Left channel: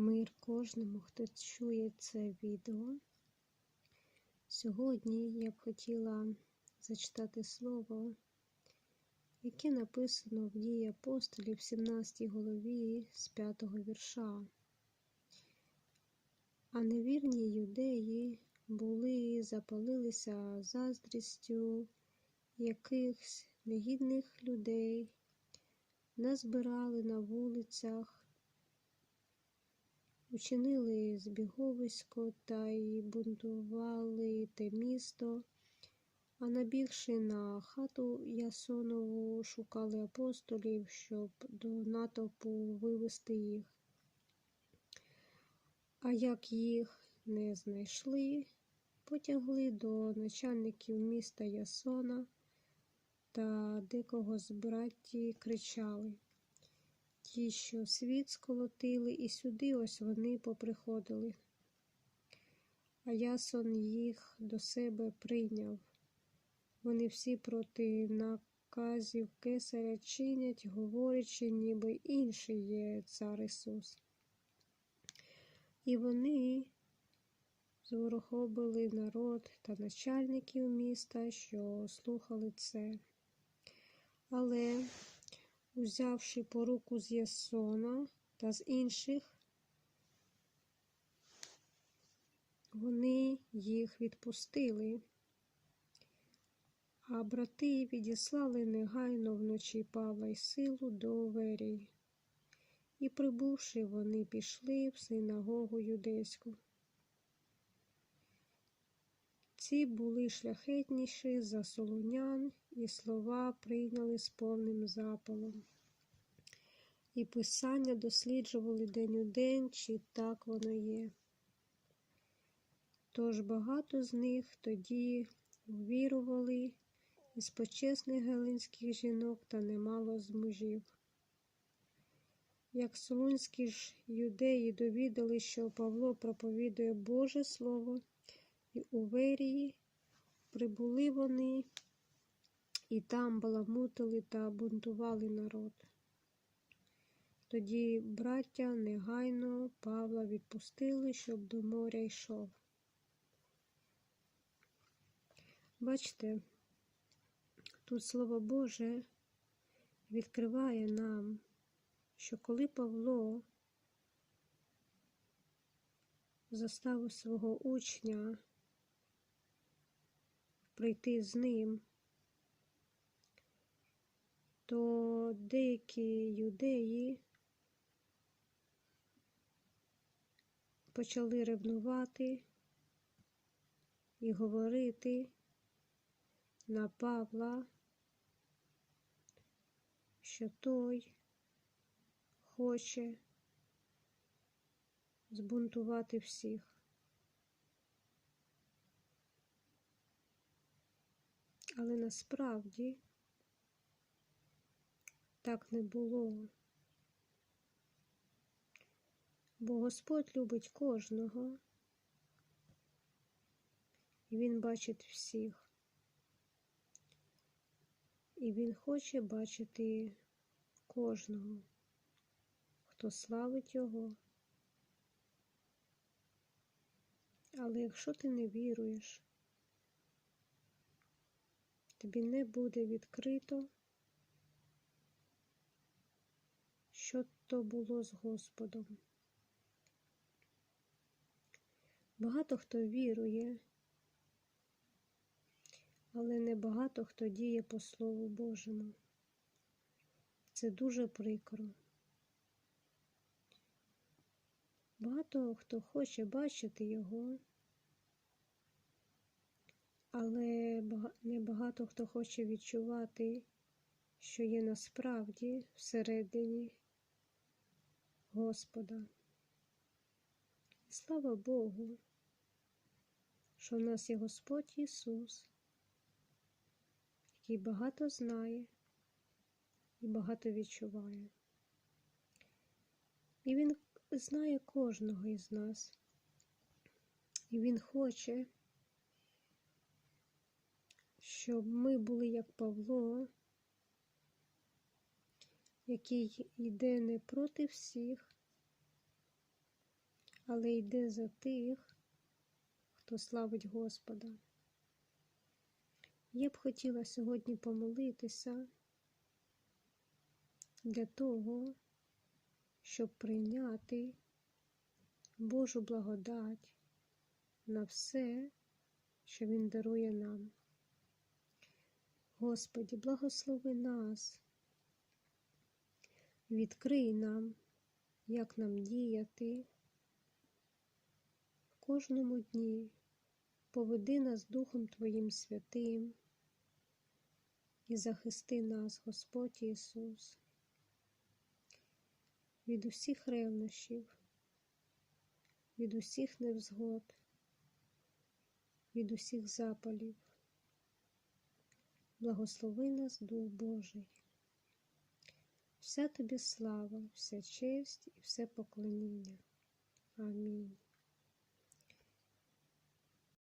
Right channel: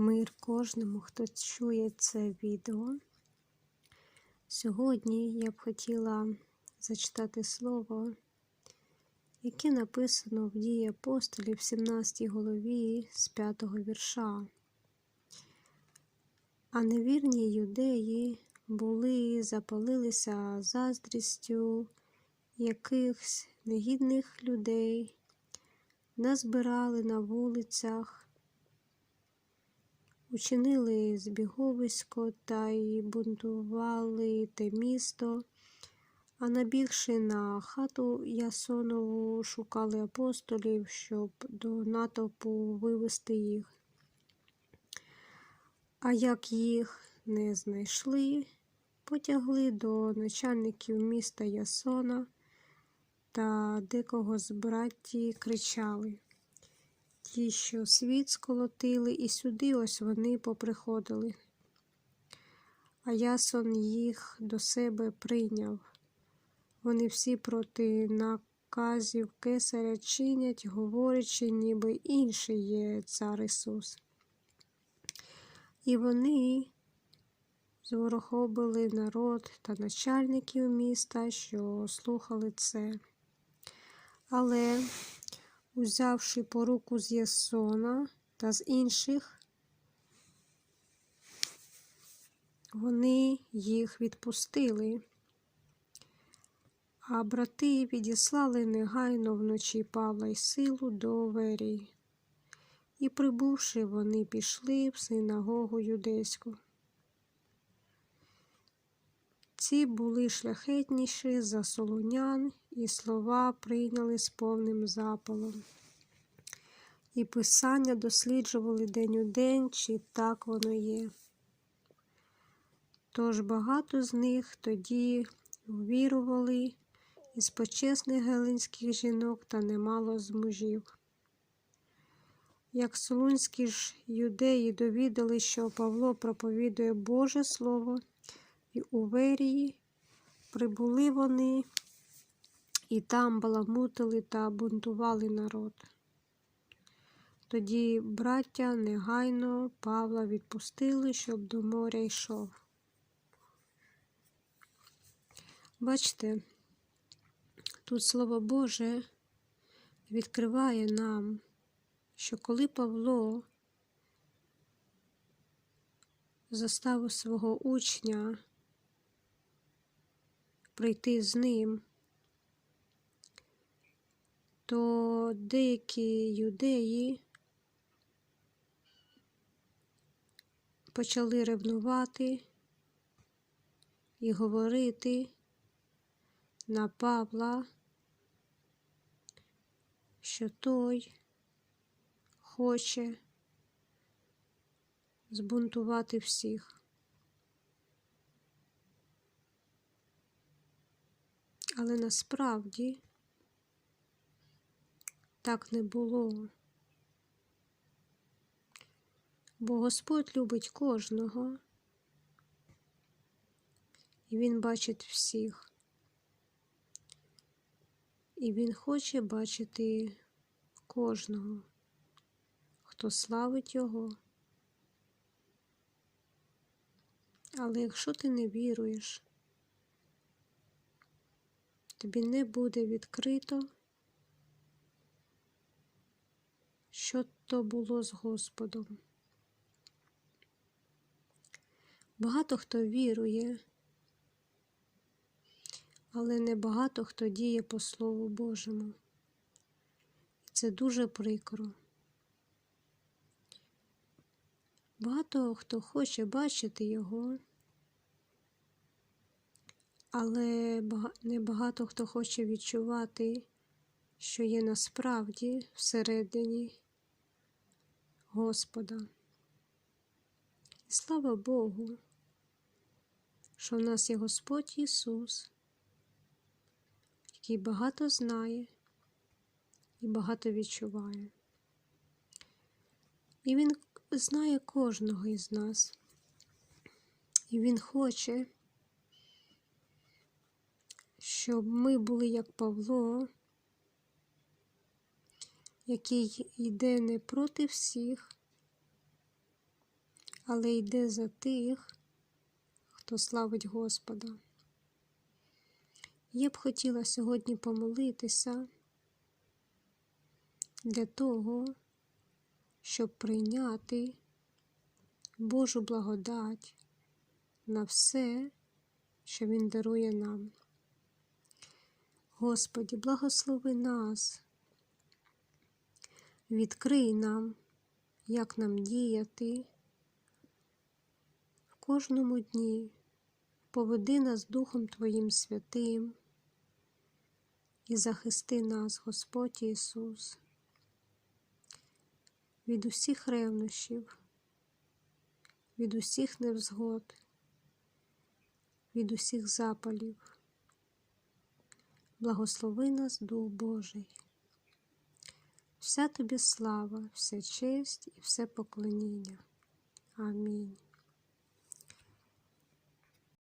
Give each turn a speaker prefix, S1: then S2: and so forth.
S1: Мир кожному, хто чує це відео. Сьогодні я б хотіла зачитати слово, яке написано в дії апостолів в 17 голові з 5 вірша. А невірні юдеї були, запалилися заздрістю якихось негідних людей, назбирали на вулицях учинили збіговисько та й бунтували те місто, а набігши на хату Ясонову, шукали апостолів, щоб до натовпу вивести їх. А як їх не знайшли, потягли до начальників міста Ясона та декого з братті кричали ті, що світ сколотили, і сюди ось вони поприходили. А ясон їх до себе прийняв. Вони всі проти наказів кесаря чинять, говорячи, ніби інший є цар Ісус. І вони зворохобили народ та начальників міста, що слухали це. Але узявши поруку з Ясона та з інших, вони їх відпустили, а брати відіслали негайно вночі Павла й силу до Верії. І, прибувши, вони пішли в синагогу юдейську. Ці були шляхетніші за солонян, і слова прийняли з повним запалом. І писання досліджували день у день, чи так воно є. Тож багато з них тоді увірували із почесних гелинських жінок та немало з мужів. Як солунські ж юдеї довідали, що Павло проповідує Боже Слово, і у Верії прибули вони і там баламутили та бунтували народ. Тоді браття негайно Павла відпустили, щоб до моря йшов. Бачите, тут Слово Боже відкриває нам, що коли Павло заставив свого учня прийти з ним, то деякі юдеї почали ревнувати і говорити на Павла, що той хоче збунтувати всіх. Але насправді так не було. Бо Господь любить кожного, і Він бачить всіх. І Він хоче бачити кожного, хто славить Його. Але якщо ти не віруєш, тобі не буде відкрито, що то було з Господом. Багато хто вірує, але не багато хто діє по Слову Божому. Це дуже прикро. Багато хто хоче бачити його, але небагато хто хоче відчувати, що є насправді всередині Господа. І слава Богу, що в нас є Господь Ісус, який багато знає і багато відчуває. І Він знає кожного із нас. І Він хоче, щоб ми були як Павло, який йде не проти всіх, але йде за тих, хто славить Господа. Я б хотіла сьогодні помолитися для того, щоб прийняти Божу благодать на все, що Він дарує нам. Господі, благослови нас, відкрий нам, як нам діяти в кожному дні, поведи нас Духом Твоїм святим і захисти нас, Господь Ісус, від усіх ревнощів, від усіх невзгод, від усіх запалів благослови нас, Дух Божий. Вся тобі слава, вся честь і все поклоніння. Амінь.